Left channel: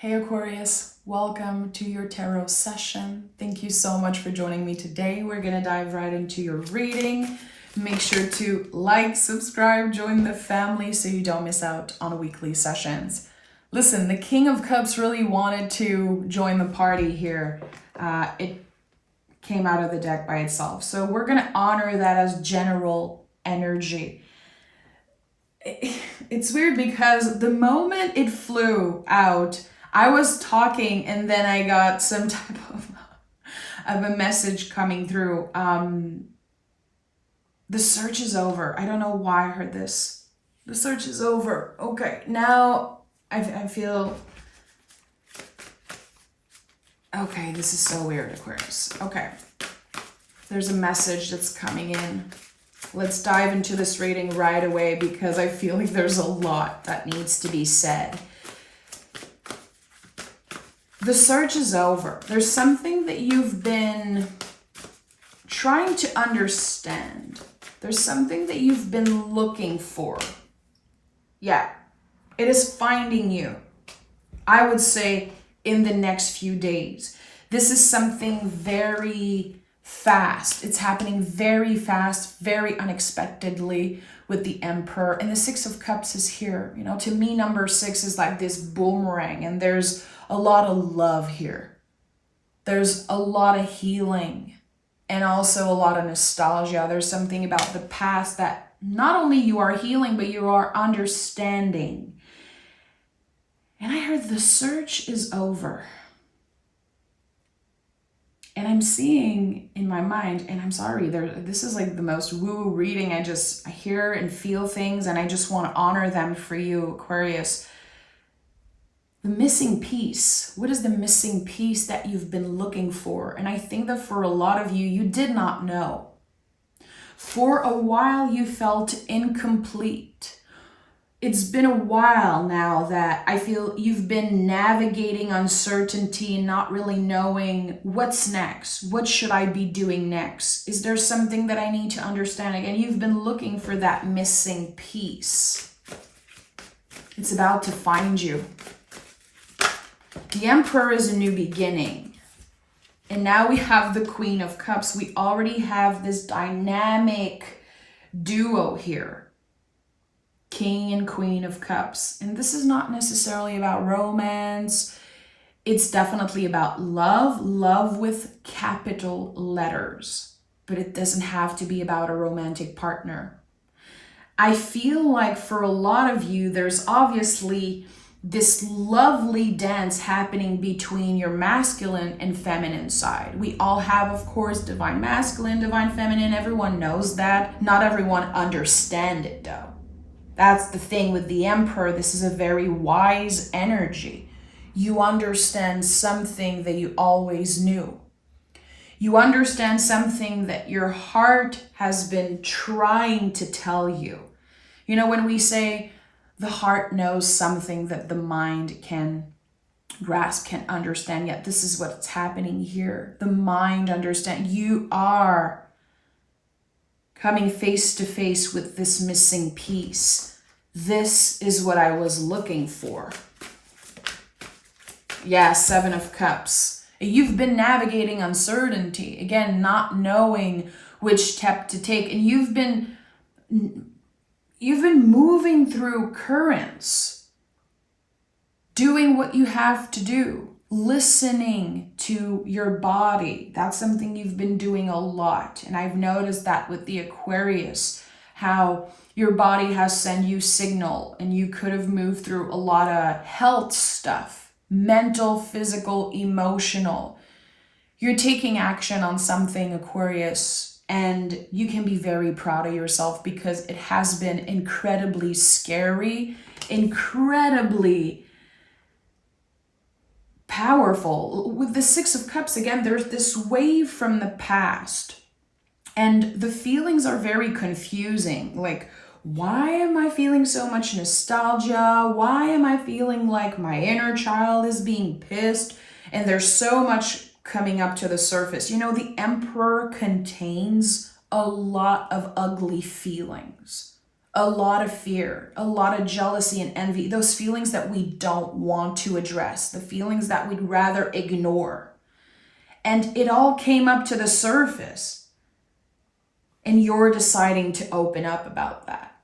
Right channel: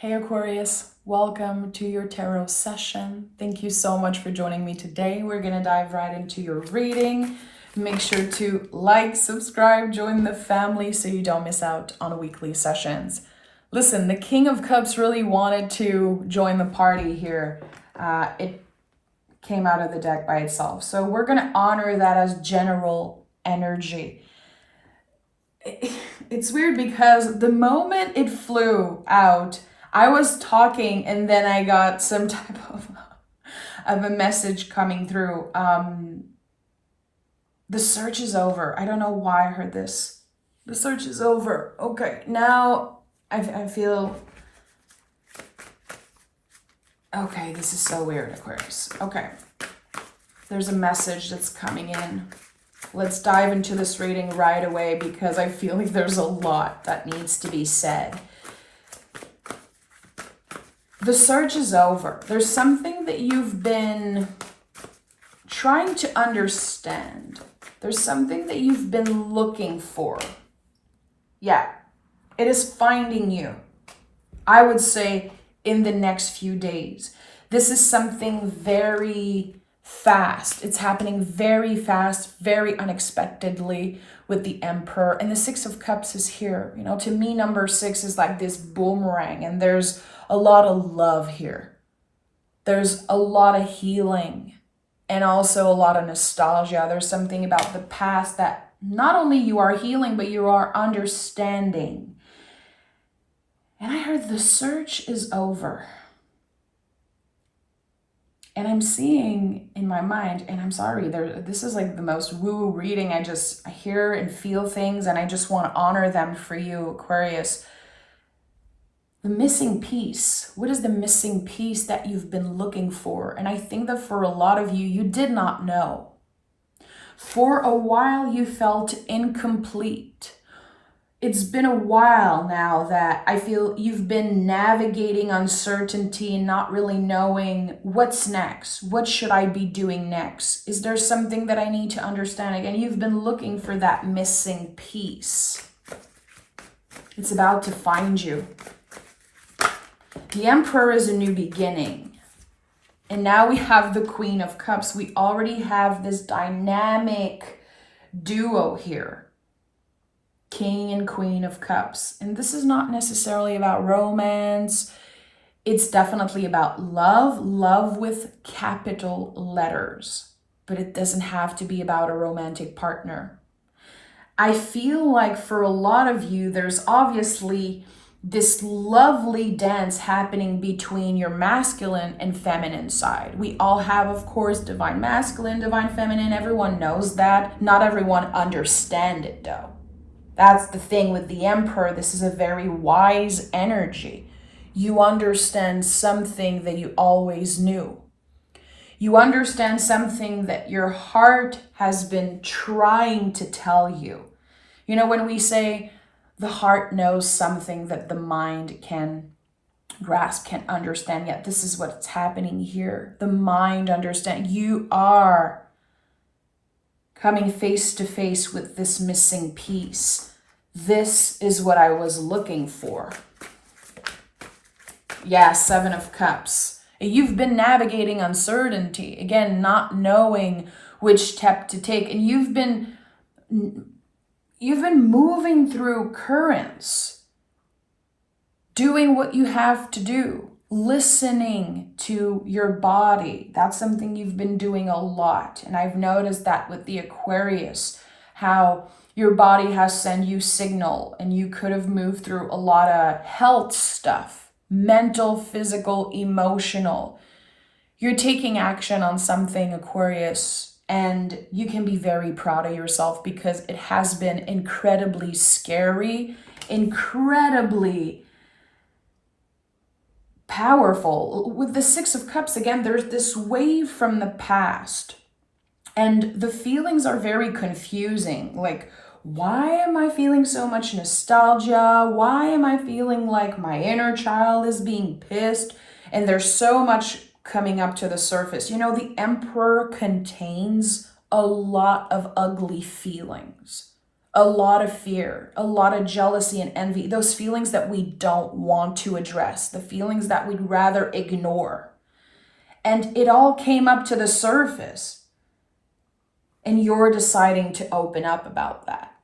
Hey Aquarius, welcome to your tarot session. Thank you so much for joining me today. We're going to dive right into your reading. Make sure to like, subscribe, join the family so you don't miss out on weekly sessions. Listen, the King of Cups really wanted to join the party here. It came out of the deck by itself. So we're going to honor that as general energy. It's weird because the moment it flew out, I was talking and then I got some type of a message coming through. The search is over. I don't know why I heard this. The search is over. Okay, now I feel... Okay, this is so weird, Aquarius. Okay, there's a message that's coming in. Let's dive into this reading right away because I feel like there's a lot that needs to be said. The search is over. There's something that you've been trying to understand. There's something that you've been looking for. Yeah, it is finding you. I would say in the next few days. This is something very fast. It's happening very fast, very unexpectedly with the Emperor. And the Six of Cups is here. You know, to me, number 6 is like this boomerang, and there's a lot of love here. There's a lot of healing and also a lot of nostalgia. There's something about the past that not only you are healing, but you are understanding. And I heard the search is over. And I'm seeing in my mind, and I'm sorry, this is like the most woo-woo reading. I hear and feel things, and I just want to honor them for you, Aquarius. The missing piece. What is the missing piece that you've been looking for? And I think that for a lot of you, you did not know. For a while, you felt incomplete. It's been a while now that I feel you've been navigating uncertainty and not really knowing what's next. What should I be doing next? Is there something that I need to understand? Again, you've been looking for that missing piece. It's about to find you. The Emperor is a new beginning. And now we have the Queen of Cups. We already have this dynamic duo here. King and Queen of Cups. And this is not necessarily about romance. It's definitely about love. Love with capital letters. But it doesn't have to be about a romantic partner. I feel like for a lot of you, there's obviously this lovely dance happening between your masculine and feminine side. We all have, of course, divine masculine, divine feminine. Everyone knows that. Not everyone understands it, though. That's the thing with the Emperor. This is a very wise energy. You understand something that you always knew. You understand something that your heart has been trying to tell you. You know, when we say the heart knows something that the mind can grasp, can understand, yet this is what's happening here. The mind understands. You are coming face to face with this missing piece. This is what I was looking for. Yeah, 7 of Cups. You've been navigating uncertainty. Again, not knowing which step to take. And you've been moving through currents. Doing what you have to do. Listening to your body. That's something you've been doing a lot. And I've noticed that with the Aquarius, how your body has sent you signal, and you could have moved through a lot of health stuff, mental, physical, emotional. You're taking action on something, Aquarius, and you can be very proud of yourself because it has been incredibly scary, incredibly powerful. With the 6 of Cups, again, there's this wave from the past, and the feelings are very confusing. Like, why am I feeling so much nostalgia? Why am I feeling like my inner child is being pissed? And there's so much coming up to the surface. You know, the Emperor contains a lot of ugly feelings. a lot of fear, a lot of jealousy and envy, those feelings that we don't want to address, the feelings that we'd rather ignore. And it all came up to the surface. And you're deciding to open up about that.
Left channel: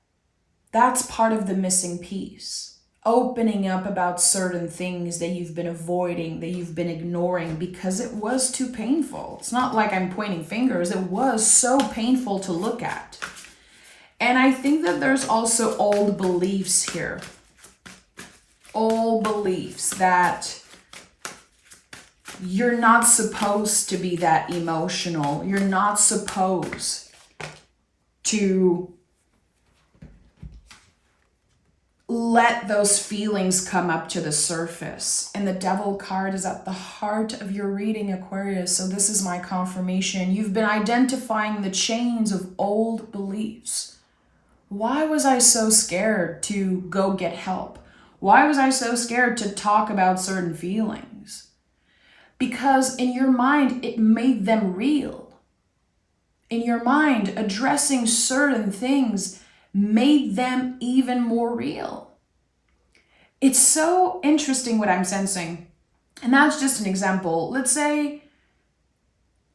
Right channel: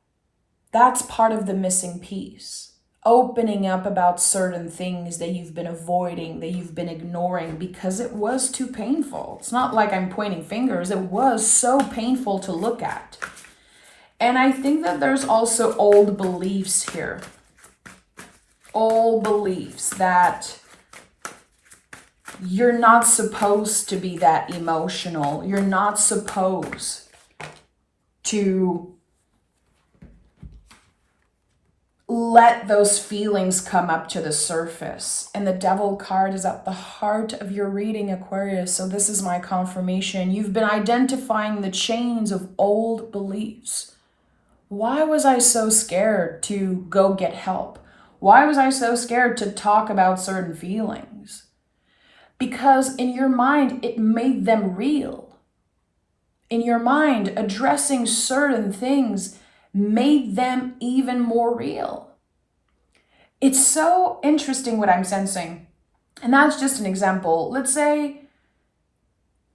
That's part of the missing piece. Opening up about certain things that you've been avoiding, that you've been ignoring because it was too painful. It's not like I'm pointing fingers. It was so painful to look at. And I think that there's also old beliefs here. Old beliefs that you're not supposed to be that emotional. You're not supposed to let those feelings come up to the surface. And the Devil card is at the heart of your reading, Aquarius. So this is my confirmation. You've been identifying the chains of old beliefs. Why was I so scared to go get help? Why was I so scared to talk about certain feelings? Because in your mind, it made them real. In your mind, addressing certain things made them even more real. It's so interesting what I'm sensing. And that's just an example. Let's say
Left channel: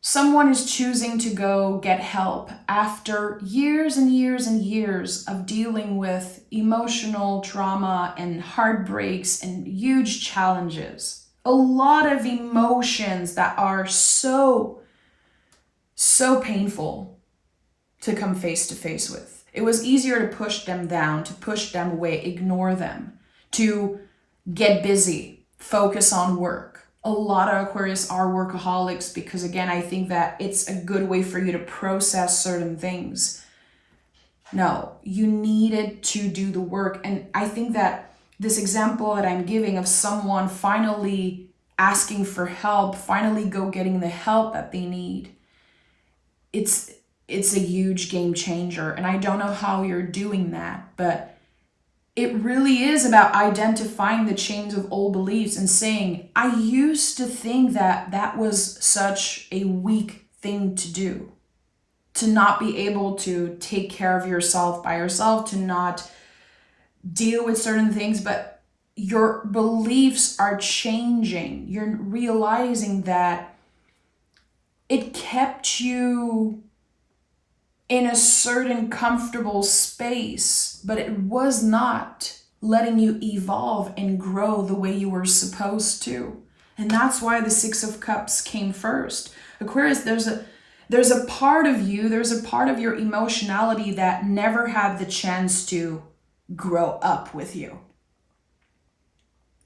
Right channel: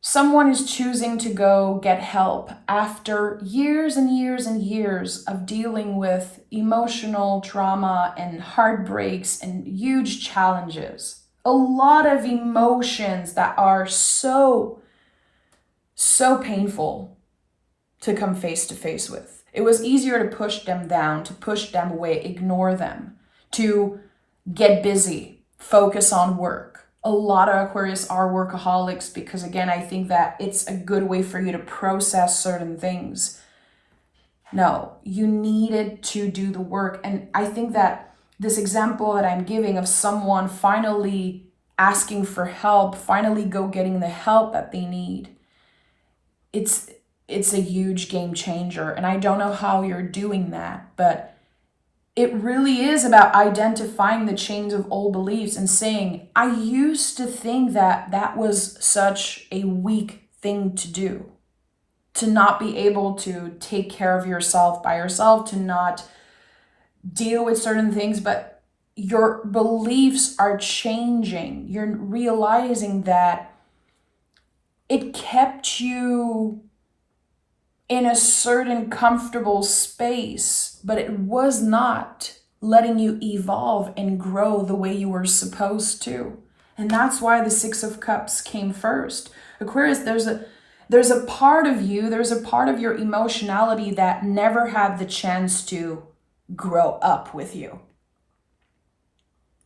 someone is choosing to go get help after years and years and years of dealing with emotional trauma and heartbreaks and huge challenges. A lot of emotions that are so painful to come face to face with. It was easier to push them down, to push them away, ignore them, to get busy, focus on work. A lot of Aquarius are workaholics because, again, I think that it's a good way for you to process certain things. No, you needed to do the work. And I think that this example that I'm giving of someone finally asking for help, finally go getting the help that they need, it's a huge game changer. And I don't know how you're doing that, but it really is about identifying the chains of old beliefs and saying, I used to think that that was such a weak thing to do, to not be able to take care of yourself by yourself, to not deal with certain things, but your beliefs are changing. You're realizing that it kept you in a certain comfortable space, but it was not letting you evolve and grow the way you were supposed to. And that's why the Six of Cups came first. Aquarius, there's a part of you, there's a part of your emotionality that never had the chance to grow up with you.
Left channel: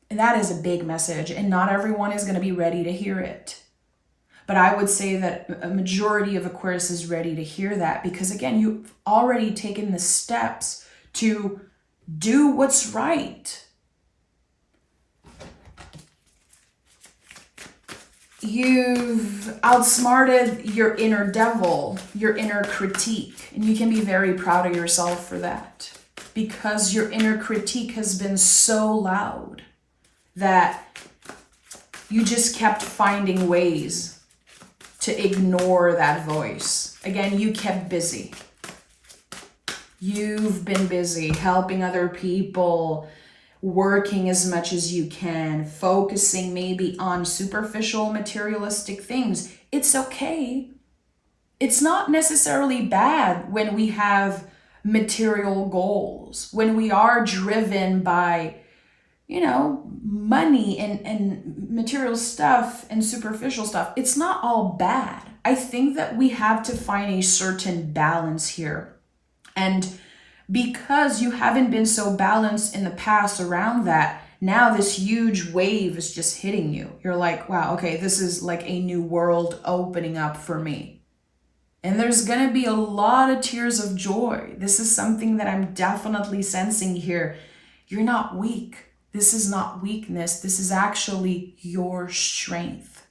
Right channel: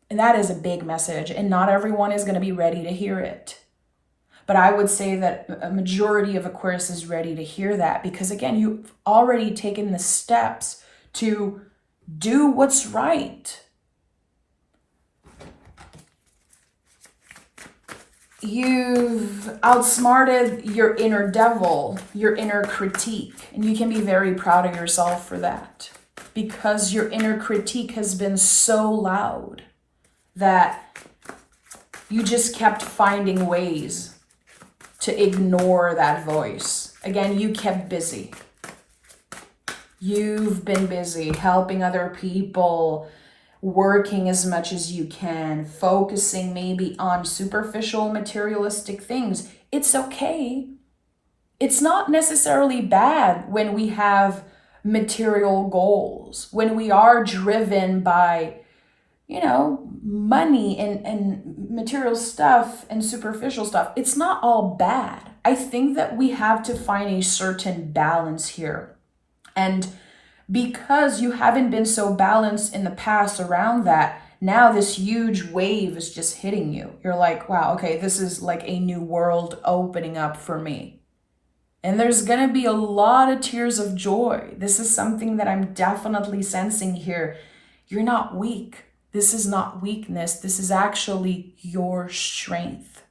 And that is a big message, and not everyone is going to be ready to hear it. But I would say that a majority of Aquarius is ready to hear that because, again, you've already taken the steps to do what's right. You've outsmarted your inner devil, your inner critique, and you can be very proud of yourself for that because your inner critique has been so loud that you just kept finding ways to ignore that voice. Again, you kept busy. You've been busy helping other people, working as much as you can, focusing maybe on superficial materialistic things. It's okay. It's not necessarily bad when we have material goals, when we are driven by money and material stuff and superficial stuff. It's not all bad. I think that we have to find a certain balance here. And because you haven't been so balanced in the past around that, now this huge wave is just hitting you. You're like, wow, okay, this is like a new world opening up for me. And there's going to be a lot of tears of joy. This is something that I'm definitely sensing here. You're not weak. This is not weakness. This is actually your strength,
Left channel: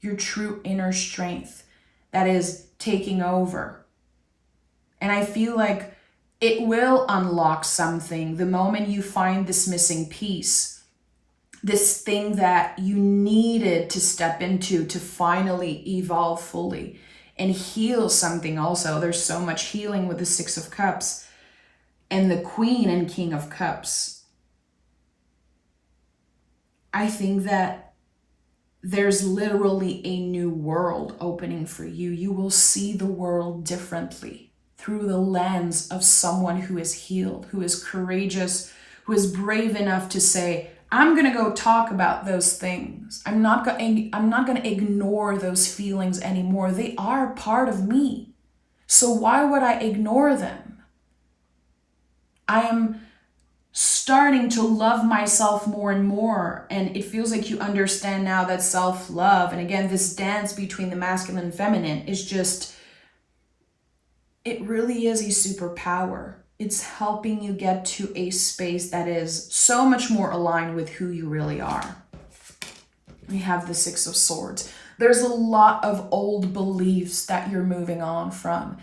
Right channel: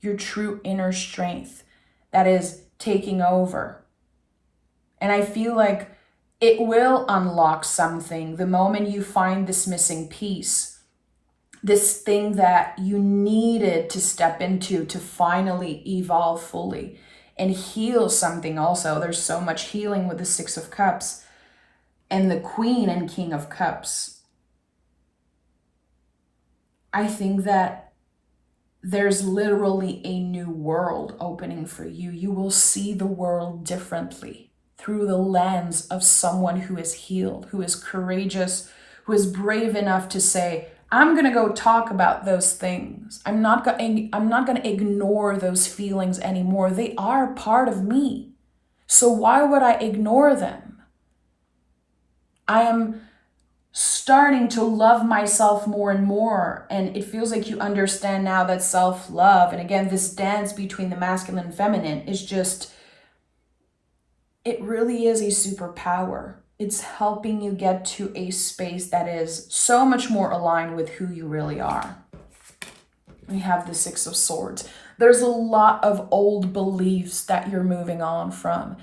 your true inner strength that is taking over. And I feel like it will unlock something the moment you find this missing piece, this thing that you needed to step into to finally evolve fully and heal something also. There's so much healing with the Six of Cups. and the Queen and King of Cups. I think that there's literally a new world opening for you. You will see the world differently through the lens of someone who is healed, who is courageous, who is brave enough to say, I'm going to go talk about those things. I'm not going to ignore those feelings anymore. They are part of me. So why would I ignore them? I am starting to love myself more and more. And it feels like you understand now that self-love, and again, this dance between the masculine and feminine is just, it really is a superpower. It's helping you get to a space that is so much more aligned with who you really are. We have the Six of Swords. There's a lot of old beliefs that you're moving on from.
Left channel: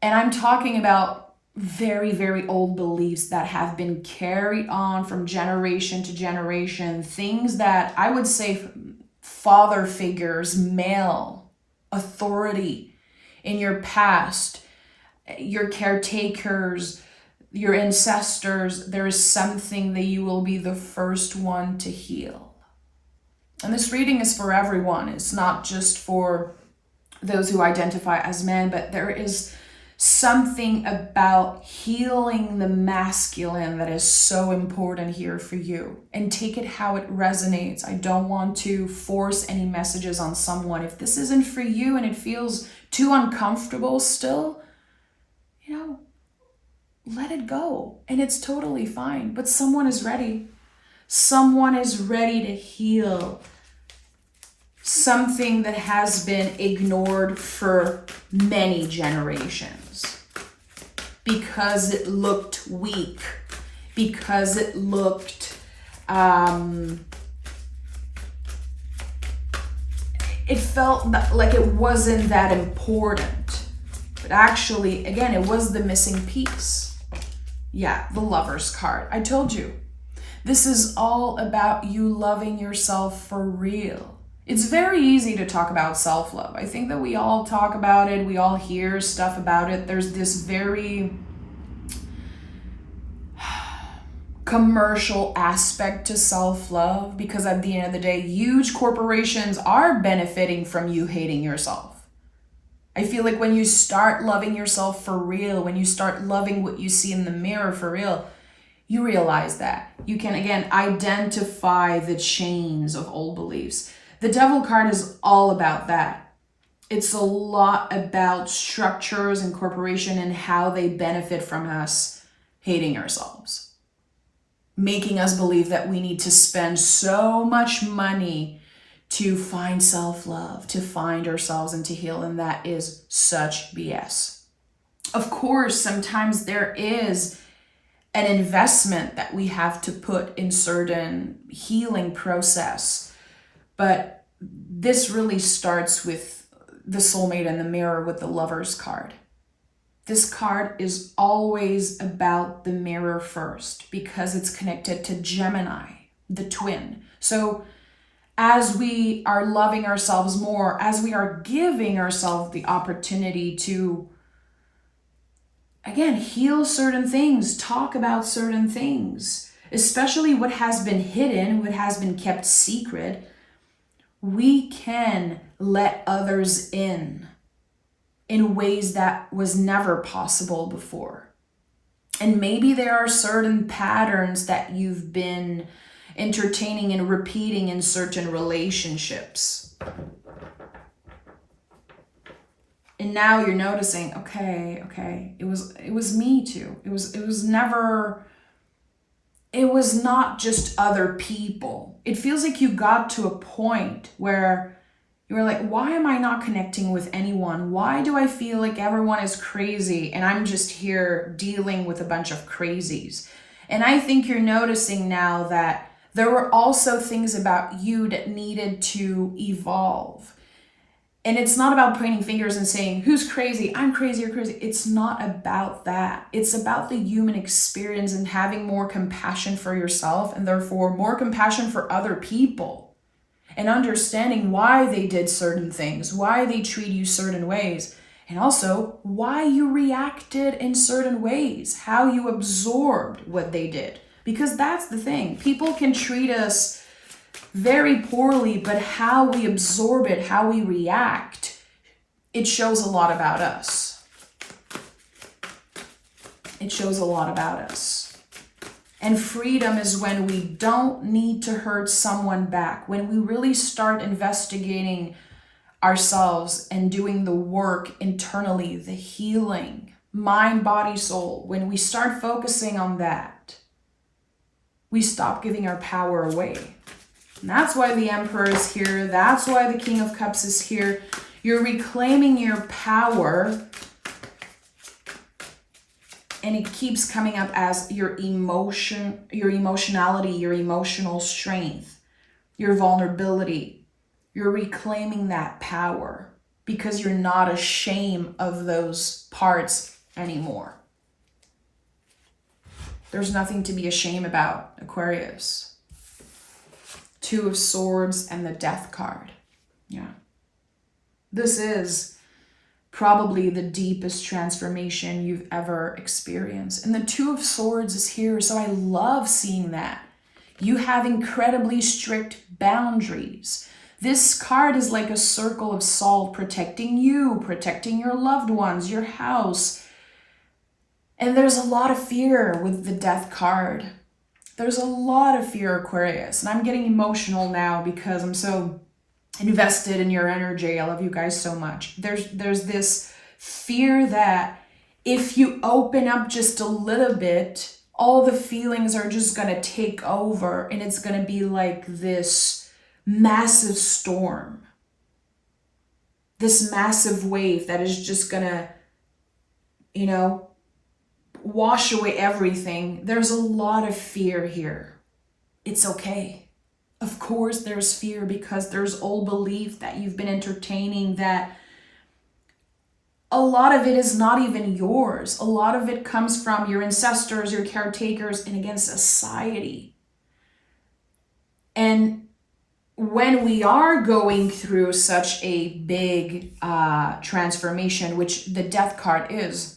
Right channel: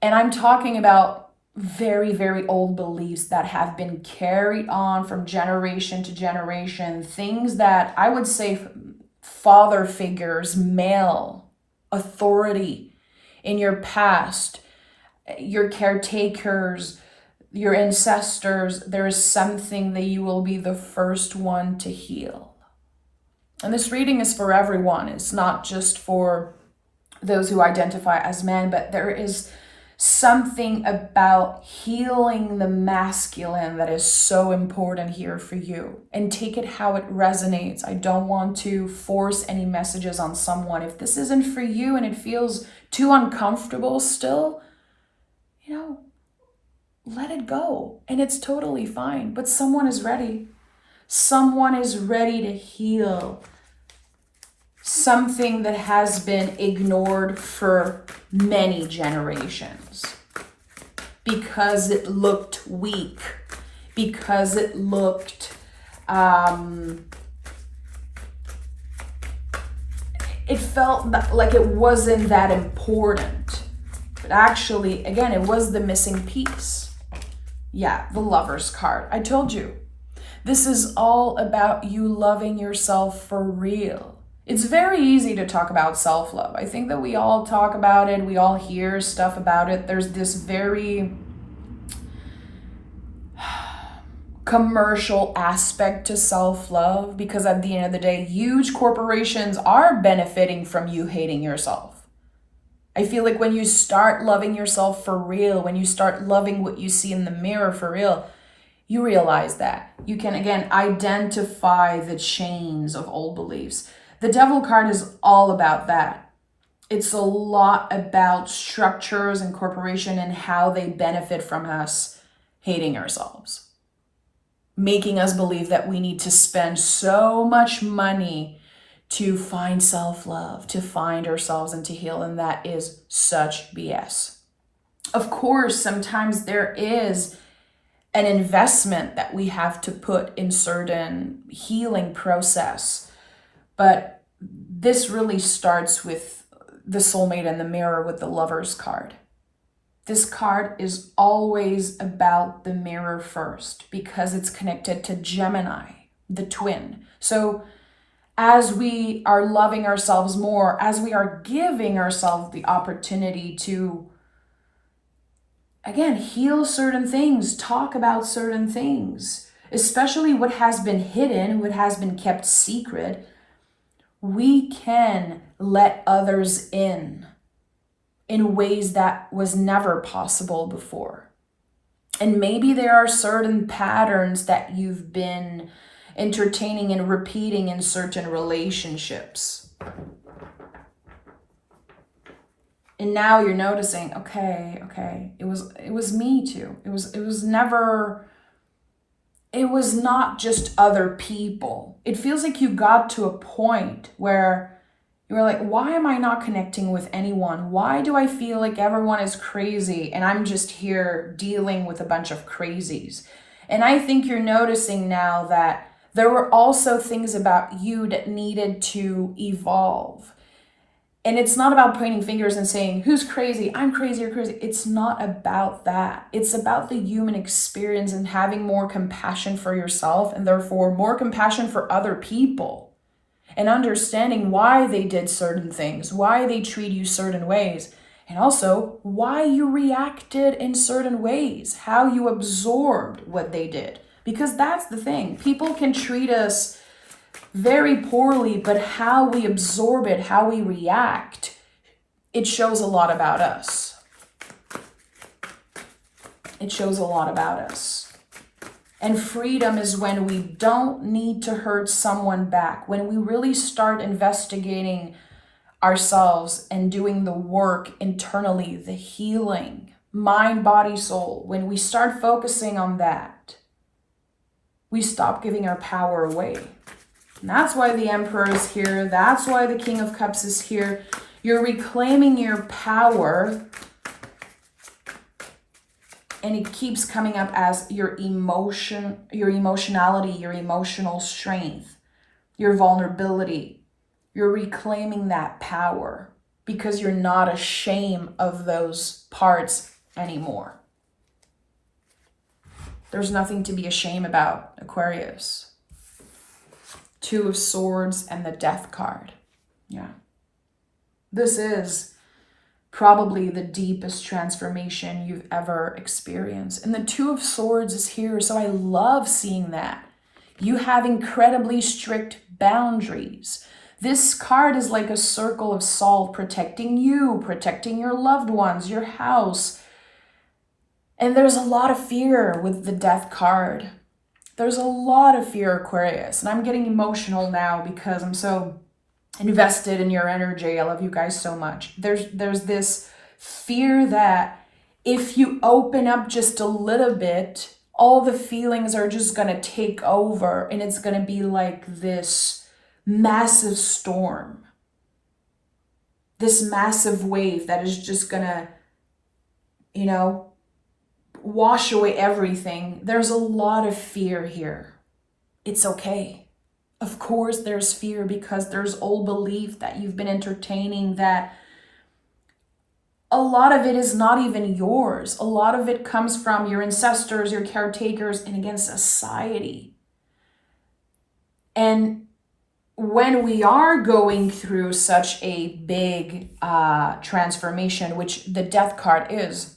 And I'm talking about very, very old beliefs that have been carried on from generation to generation. Things that I would say father figures, male authority in your past, your caretakers, your ancestors. There is something that you will be the first one to heal. And this reading is for everyone. It's not just for those who identify as men, but there is something about healing the masculine that is so important here for you. And take it how it resonates. I don't want to force any messages on someone. If this isn't for you and it feels too uncomfortable still, let it go. And it's totally fine. But someone is ready. Someone is ready to heal something that has been ignored for many generations because it looked weak, because it looked, it felt like it wasn't that important. But actually, again, it was the missing piece. Yeah, the Lover's card. I told you, this is all about you loving yourself for real. It's very easy to talk about self-love. I think that we all talk about it. We all hear stuff about it. There's this very commercial aspect to self-love because at the end of the day, huge corporations are benefiting from you hating yourself. I feel like when you start loving yourself for real, when you start loving what you see in the mirror for real, you realize that. You can, again, identify the chains of old beliefs. The Devil card is all about that. It's a lot about structures and corporation and how they benefit from us hating ourselves. Making us believe that we need to spend so much money to find self-love, to find ourselves and to heal. And that is such BS. Of course, sometimes there is an investment that we have to put in certain healing process. But this really starts with the soulmate and the mirror with the Lover's card. This card is always about the mirror first because it's connected to Gemini, the twin. So as we are loving ourselves more, as we are giving ourselves the opportunity to, again, heal certain things, talk about certain things, especially what has been hidden, what has been kept secret, we can let others in ways that was never possible before. And maybe there are certain patterns that you've been entertaining and repeating in certain relationships. And now you're noticing, okay, it was me too. It was not just other people. It feels like you got to a point where you were like, why am I not connecting with anyone? Why do I feel like everyone is crazy and I'm just here dealing with a bunch of crazies? And I think you're noticing now that there were also things about you that needed to evolve. And it's not about pointing fingers and saying, who's crazy? I'm crazy, you're crazy. It's not about that. It's about the human experience and having more compassion for yourself and therefore more compassion for other people and understanding why they did certain things, why they treat you certain ways. And also why you reacted in certain ways, how you absorbed what they did. Because that's the thing. People can treat us very poorly, but how we absorb it, how we react, it shows a lot about us. It shows a lot about us. And freedom is when we don't need to hurt someone back, when we really start investigating ourselves and doing the work internally, the healing, mind, body, soul. When we start focusing on that, we stop giving our power away. And that's why the Emperor is here. That's why the King of Cups is here. You're reclaiming your power. And it keeps coming up as your emotion, your emotionality, your emotional strength, your vulnerability. You're reclaiming that power because you're not ashamed of those parts anymore. There's nothing to be ashamed about, Aquarius. 2 of Swords and the Death card. Yeah. This is probably the deepest transformation you've ever experienced. And the 2 of Swords is here, so I love seeing that. You have incredibly strict boundaries. This card is like a circle of salt protecting you, protecting your loved ones, your house. And there's a lot of fear with the Death card. There's a lot of fear, Aquarius. And I'm getting emotional now because I'm so invested in your energy. I love you guys so much. There's this fear that if you open up just a little bit, all the feelings are just going to take over and it's going to be like this massive storm, this massive wave that is just going to, wash away everything. There's a lot of fear here. It's okay. Of course there's fear because there's old belief that you've been entertaining that a lot of it is not even yours. A lot of it comes from your ancestors, your caretakers, and again, society. And when we are going through such a big transformation, which the Death card is,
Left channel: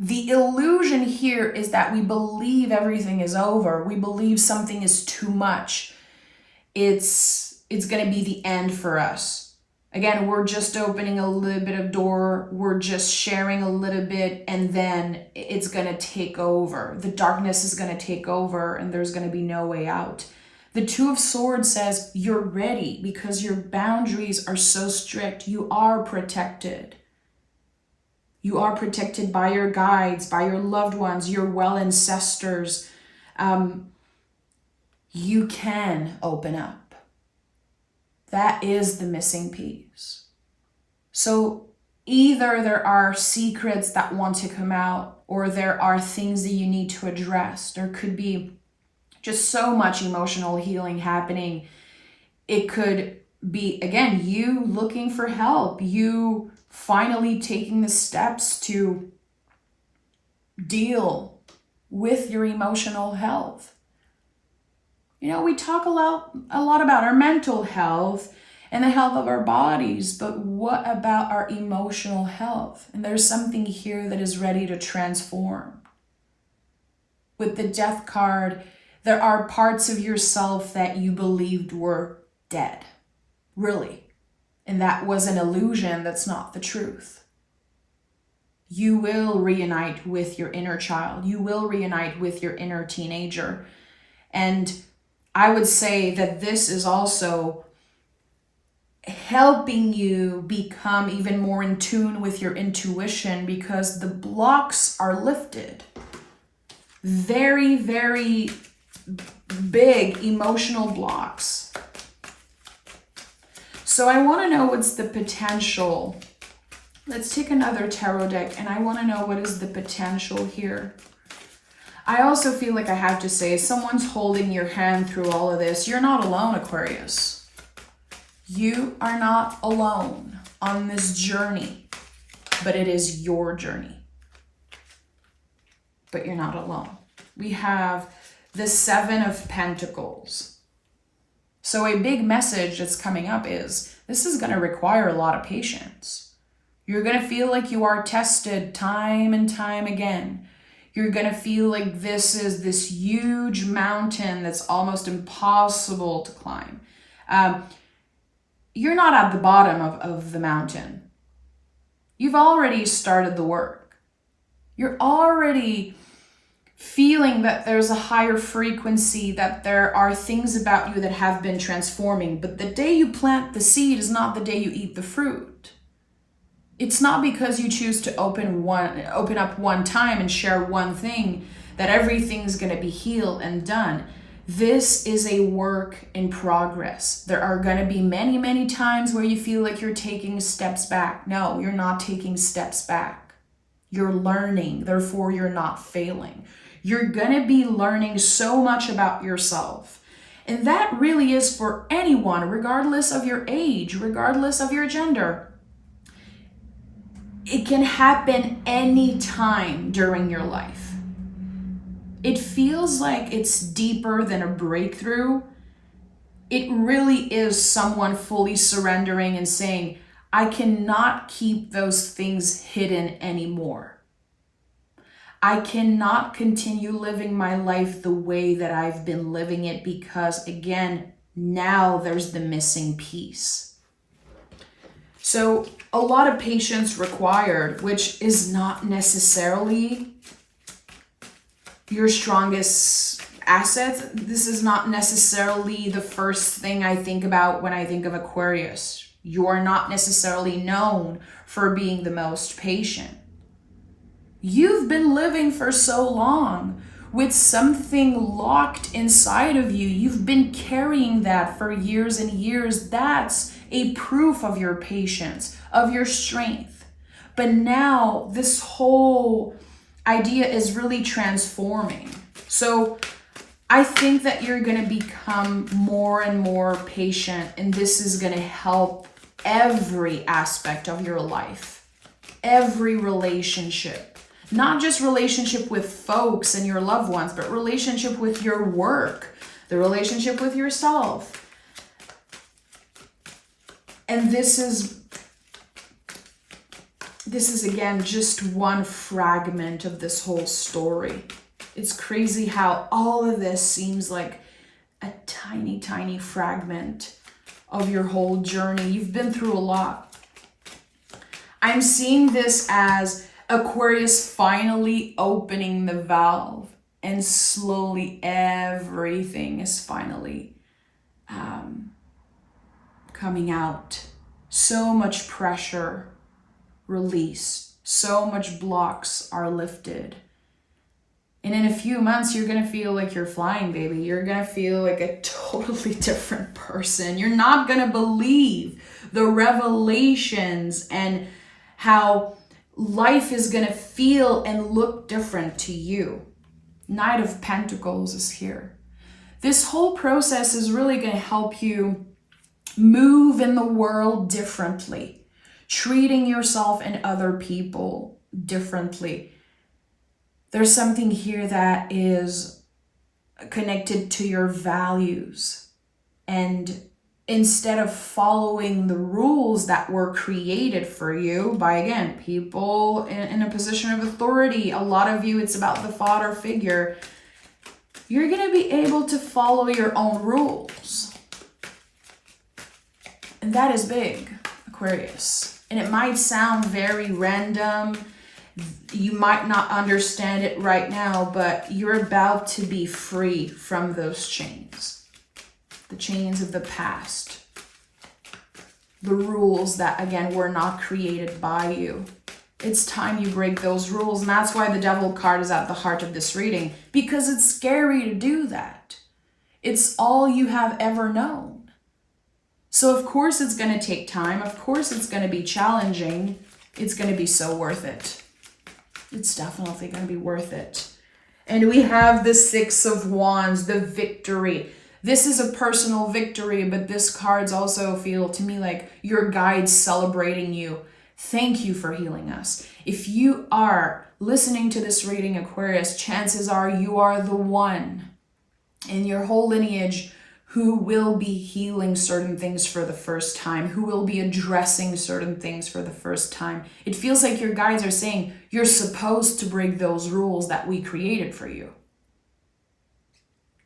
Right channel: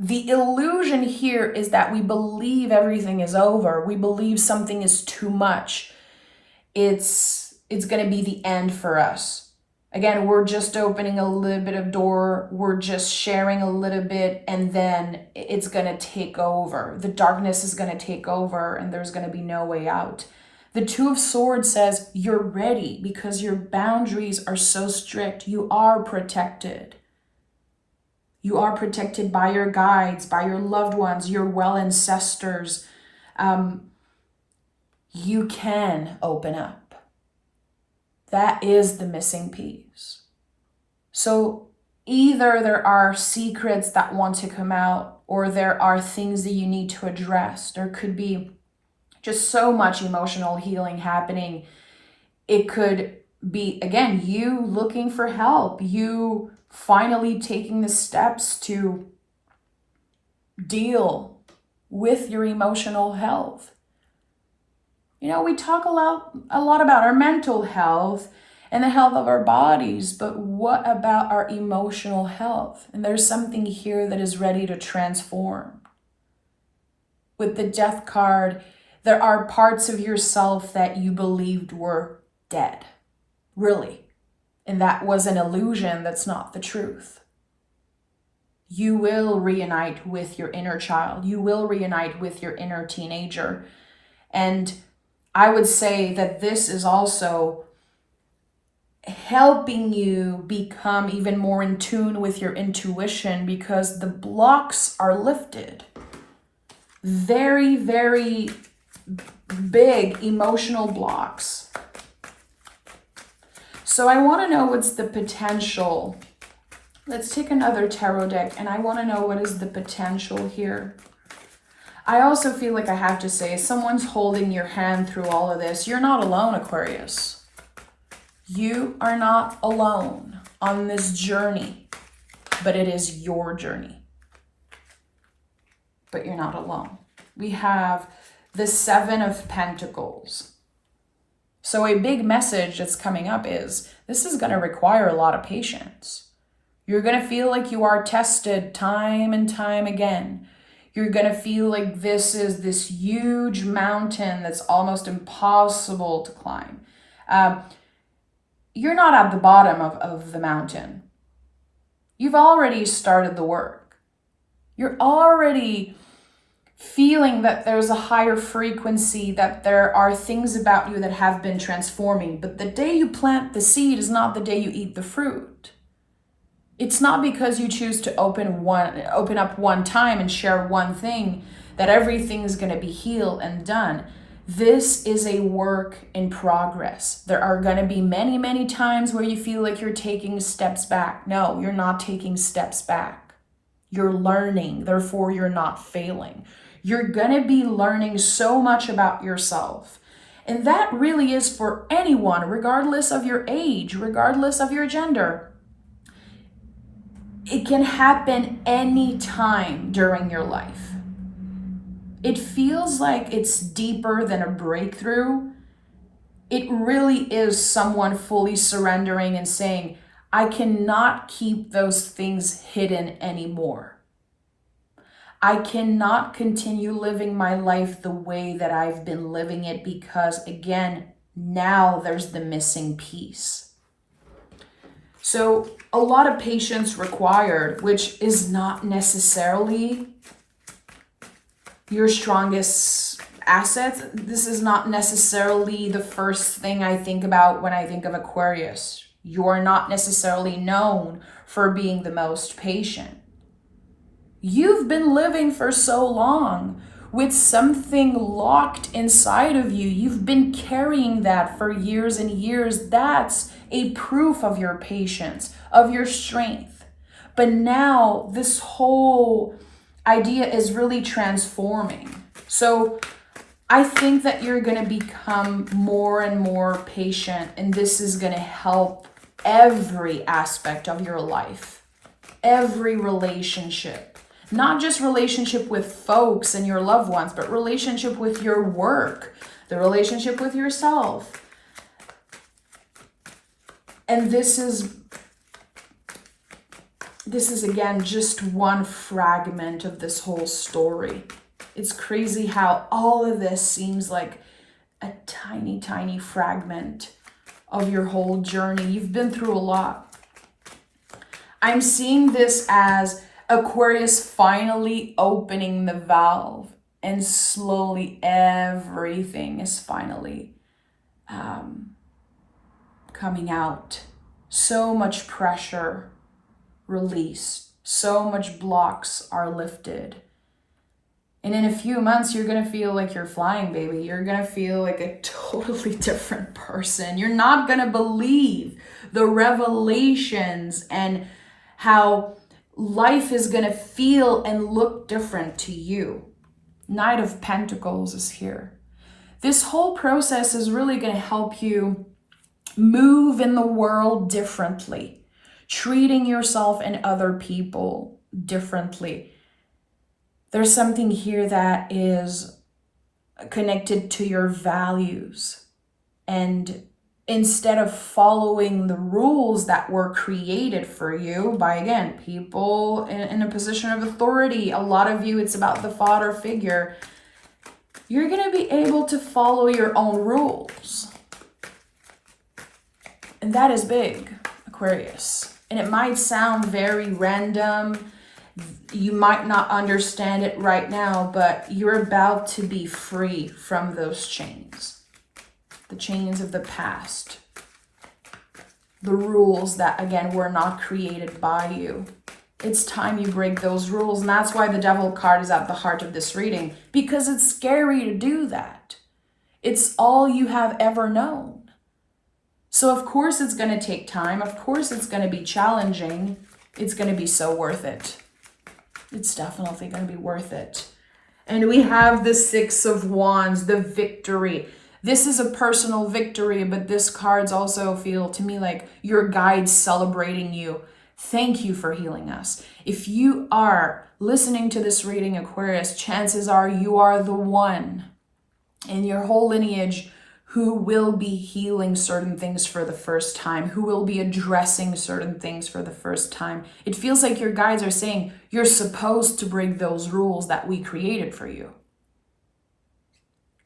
the illusion here is that we believe everything is over. We believe something is too much. It's going to be the end for us. Again, we're just opening a little bit of door. We're just sharing a little bit, and then it's going to take over. The darkness is going to take over, and there's going to be no way out. The 2 of Swords says you're ready because your boundaries are so strict. You are protected. You are protected by your guides, by your loved ones, your well ancestors. You can open up. That is the missing piece. So either there are secrets that want to come out, or there are things that you need to address. There could be just so much emotional healing happening. It could be, again, you looking for help, you finally taking the steps to deal with your emotional health. We talk a lot about our mental health and the health of our bodies, but what about our emotional health? And there's something here that is ready to transform. With the Death card, there are parts of yourself that you believed were dead, really. And that was an illusion. That's not the truth. You will reunite with your inner child. You will reunite with your inner teenager. And I would say that this is also helping you become even more in tune with your intuition because the blocks are lifted. Very, very big emotional blocks. So I want to know what's the potential. Let's take another tarot deck and I want to know what is the potential here. I also feel like I have to say someone's holding your hand through all of this. You're not alone, Aquarius. You are not alone on this journey, but it is your journey. But you're not alone. We have the 7 of Pentacles. So a big message that's coming up is this is going to require a lot of patience. You're going to feel like you are tested time and time again. You're going to feel like this is this huge mountain that's almost impossible to climb. You're not at the bottom of the mountain. You've already started the work. You're already feeling that there's a higher frequency, that there are things about you that have been transforming. But the day you plant the seed is not the day you eat the fruit. It's not because you choose to open up one time and share one thing that everything's going to be healed and done. This is a work in progress. There are going to be many, many times where you feel like you're taking steps back. No, you're not taking steps back. You're learning, therefore you're not failing. You're going to be learning so much about yourself. And that really is for anyone, regardless of your age, regardless of your gender. It can happen any time during your life. It feels like it's deeper than a breakthrough. It really is someone fully surrendering and saying, I cannot keep those things hidden anymore. I cannot continue living my life the way that I've been living it because, again, now there's the missing piece. So a lot of patience required, which is not necessarily your strongest asset. This is not necessarily the first thing I think about when I think of Aquarius. You're not necessarily known for being the most patient. You've been living for so long with something locked inside of you. You've been carrying that for years and years. That's a proof of your patience, of your strength. But now this whole idea is really transforming. So I think that you're going to become more and more patient, and this is going to help every aspect of your life, every relationship. Not just relationship with folks and your loved ones, but relationship with your work, the relationship with yourself. And this is again just one fragment of this whole story. It's crazy how all of this seems like a tiny, tiny fragment of your whole journey. You've been through a lot. I'm seeing this as Aquarius finally opening the valve, and slowly everything is finally coming out. So much pressure released, so much blocks are lifted. And in a few months, you're going to feel like you're flying, baby. You're going to feel like a totally different person. You're not going to believe the revelations and how life is going to feel and look different to you. Knight of Pentacles is here. This whole process is really going to help you move in the world differently, treating yourself and other people differently. There's something here that is connected to your values, and instead of following the rules that were created for you by, again, people in a position of authority, a lot of you, it's about the father figure, you're going to be able to follow your own rules. And that is big, Aquarius. And it might sound very random. You might not understand it right now, but you're about to be free from those chains. The chains of the past, the rules that, again, were not created by you. It's time you break those rules. And that's why the Devil card is at the heart of this reading, because it's scary to do that. It's all you have ever known. So of course it's going to take time. Of course it's going to be challenging. It's going to be so worth it. It's definitely going to be worth it. And we have the Six of Wands, the victory. This is a personal victory, but this cards also feel to me like your guides celebrating you. Thank you for healing us. If you are listening to this reading, Aquarius, chances are you are the one in your whole lineage who will be healing certain things for the first time, who will be addressing certain things for the first time. It feels like your guides are saying, you're supposed to break those rules that we created for you.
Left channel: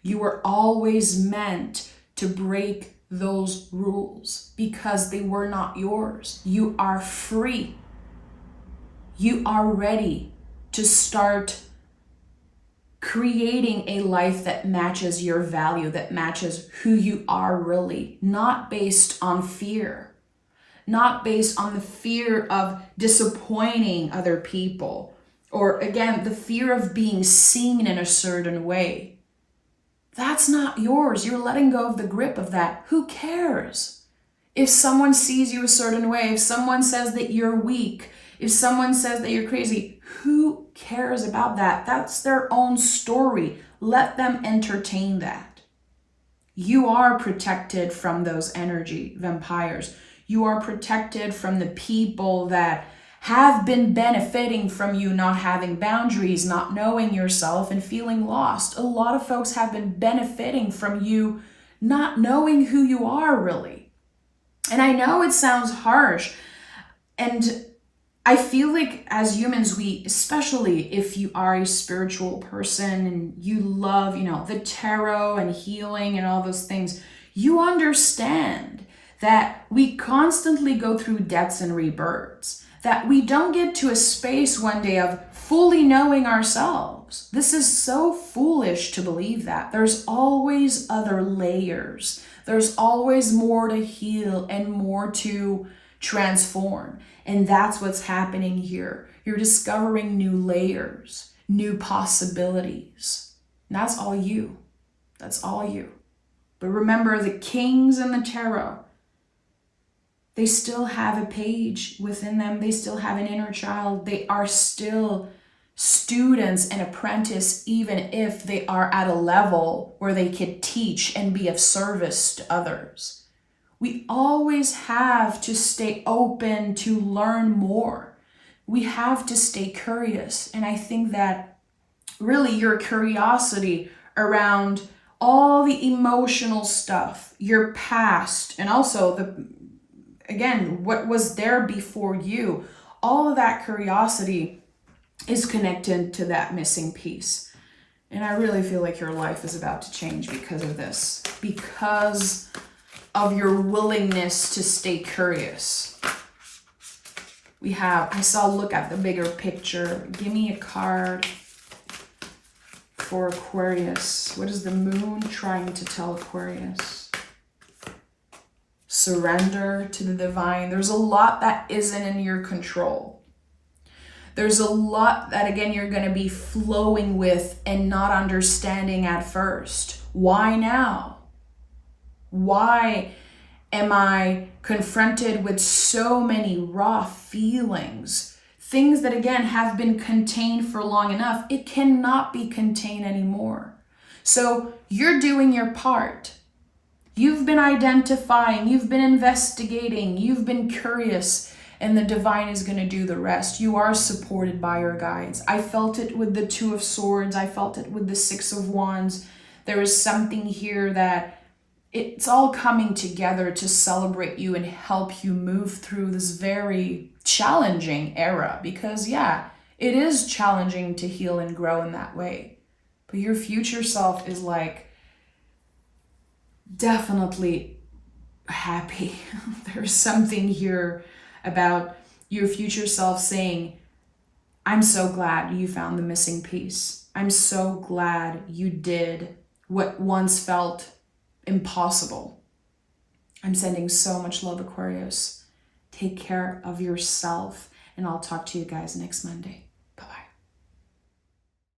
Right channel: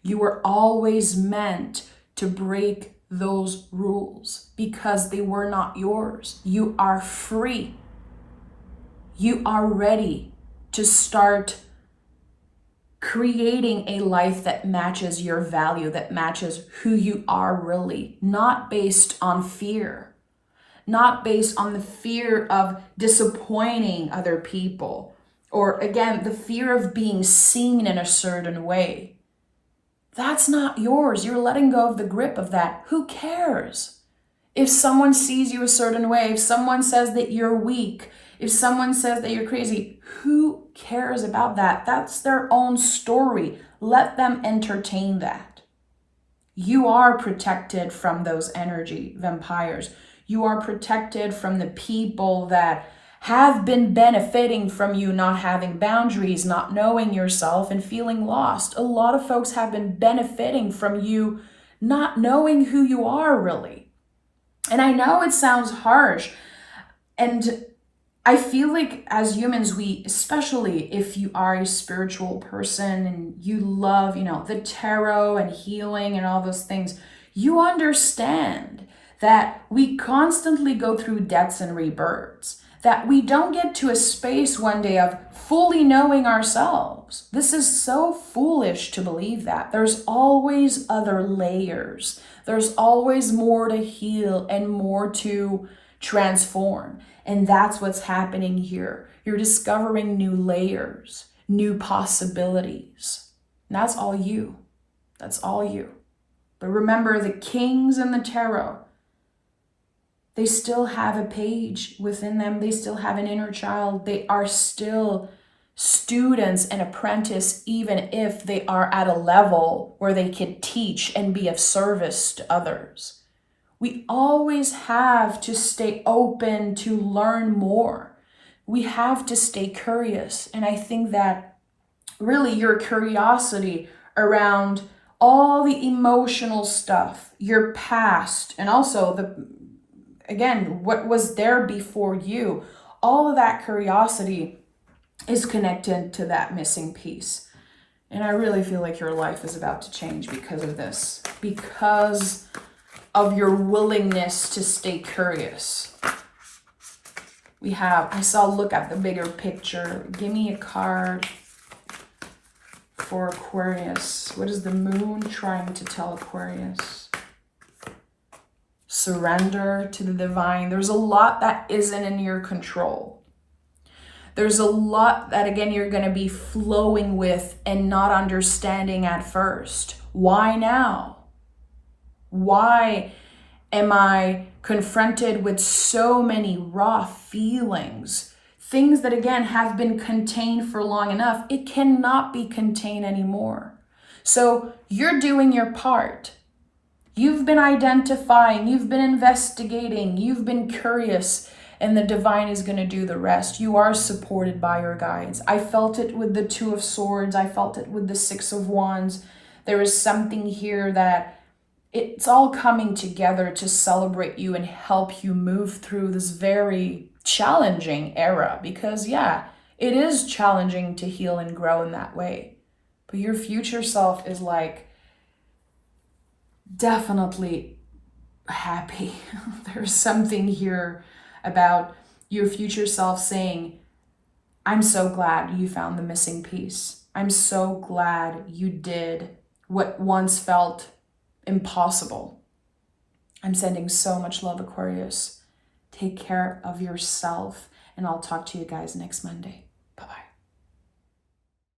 You were always meant to break those rules because they were not yours. You are free. You are ready to start creating a life that matches your value, that matches who you are really, not based on fear, not based on the fear of disappointing other people, or again, the fear of being seen in a certain way. That's not yours. You're letting go of the grip of that. Who cares? If someone sees you a certain way, if someone says that you're weak, if someone says that you're crazy, who cares about that? That's their own story. Let them entertain that. You are protected from those energy vampires. You are protected from the people that have been benefiting from you not having boundaries, not knowing yourself, and feeling lost. A lot of folks have been benefiting from you not knowing who you are really. And I know it sounds harsh, and I feel like as humans, we, especially if you are a spiritual person and you love, the tarot and healing and all those things, you understand that we constantly go through deaths and rebirths, that we don't get to a space one day of fully knowing ourselves. This is so foolish to believe that. There's always other layers. There's always more to heal and more to transform. And that's what's happening here. You're discovering new layers, new possibilities. And that's all you. That's all you. But remember, the kings and the tarot, they still have a page within them. They still have an inner child. They are still students and apprentice, even if they are at a level where they could teach and be of service to others. We always have to stay open to learn more. We have to stay curious. And I think that really your curiosity around all the emotional stuff, your past, and also what was there before you, all of that curiosity is connected to that missing piece. And I really feel like your life is about to change because of this, because of your willingness to stay curious. Look at the bigger picture. Give me a card for Aquarius. What is the moon trying to tell Aquarius? Surrender to the divine. There's a lot that isn't in your control. There's a lot that, again, you're going to be flowing with and not understanding at first. Why now? Why am I confronted with so many raw feelings? Things that, again, have been contained for long enough. It cannot be contained anymore. So you're doing your part. You've been identifying, you've been investigating, you've been curious, and the divine is going to do the rest. You are supported by your guides. I felt it with the Two of Swords. I felt it with the Six of Wands. There is something here that it's all coming together to celebrate you and help you move through this very challenging era. Because, yeah, it is challenging to heal and grow in that way. But your future self is definitely happy. There's something here about your future self saying, I'm so glad you found the missing piece. I'm so glad you did what once felt impossible. I'm sending so much love, Aquarius. Take care of yourself, and I'll talk to you guys next Monday.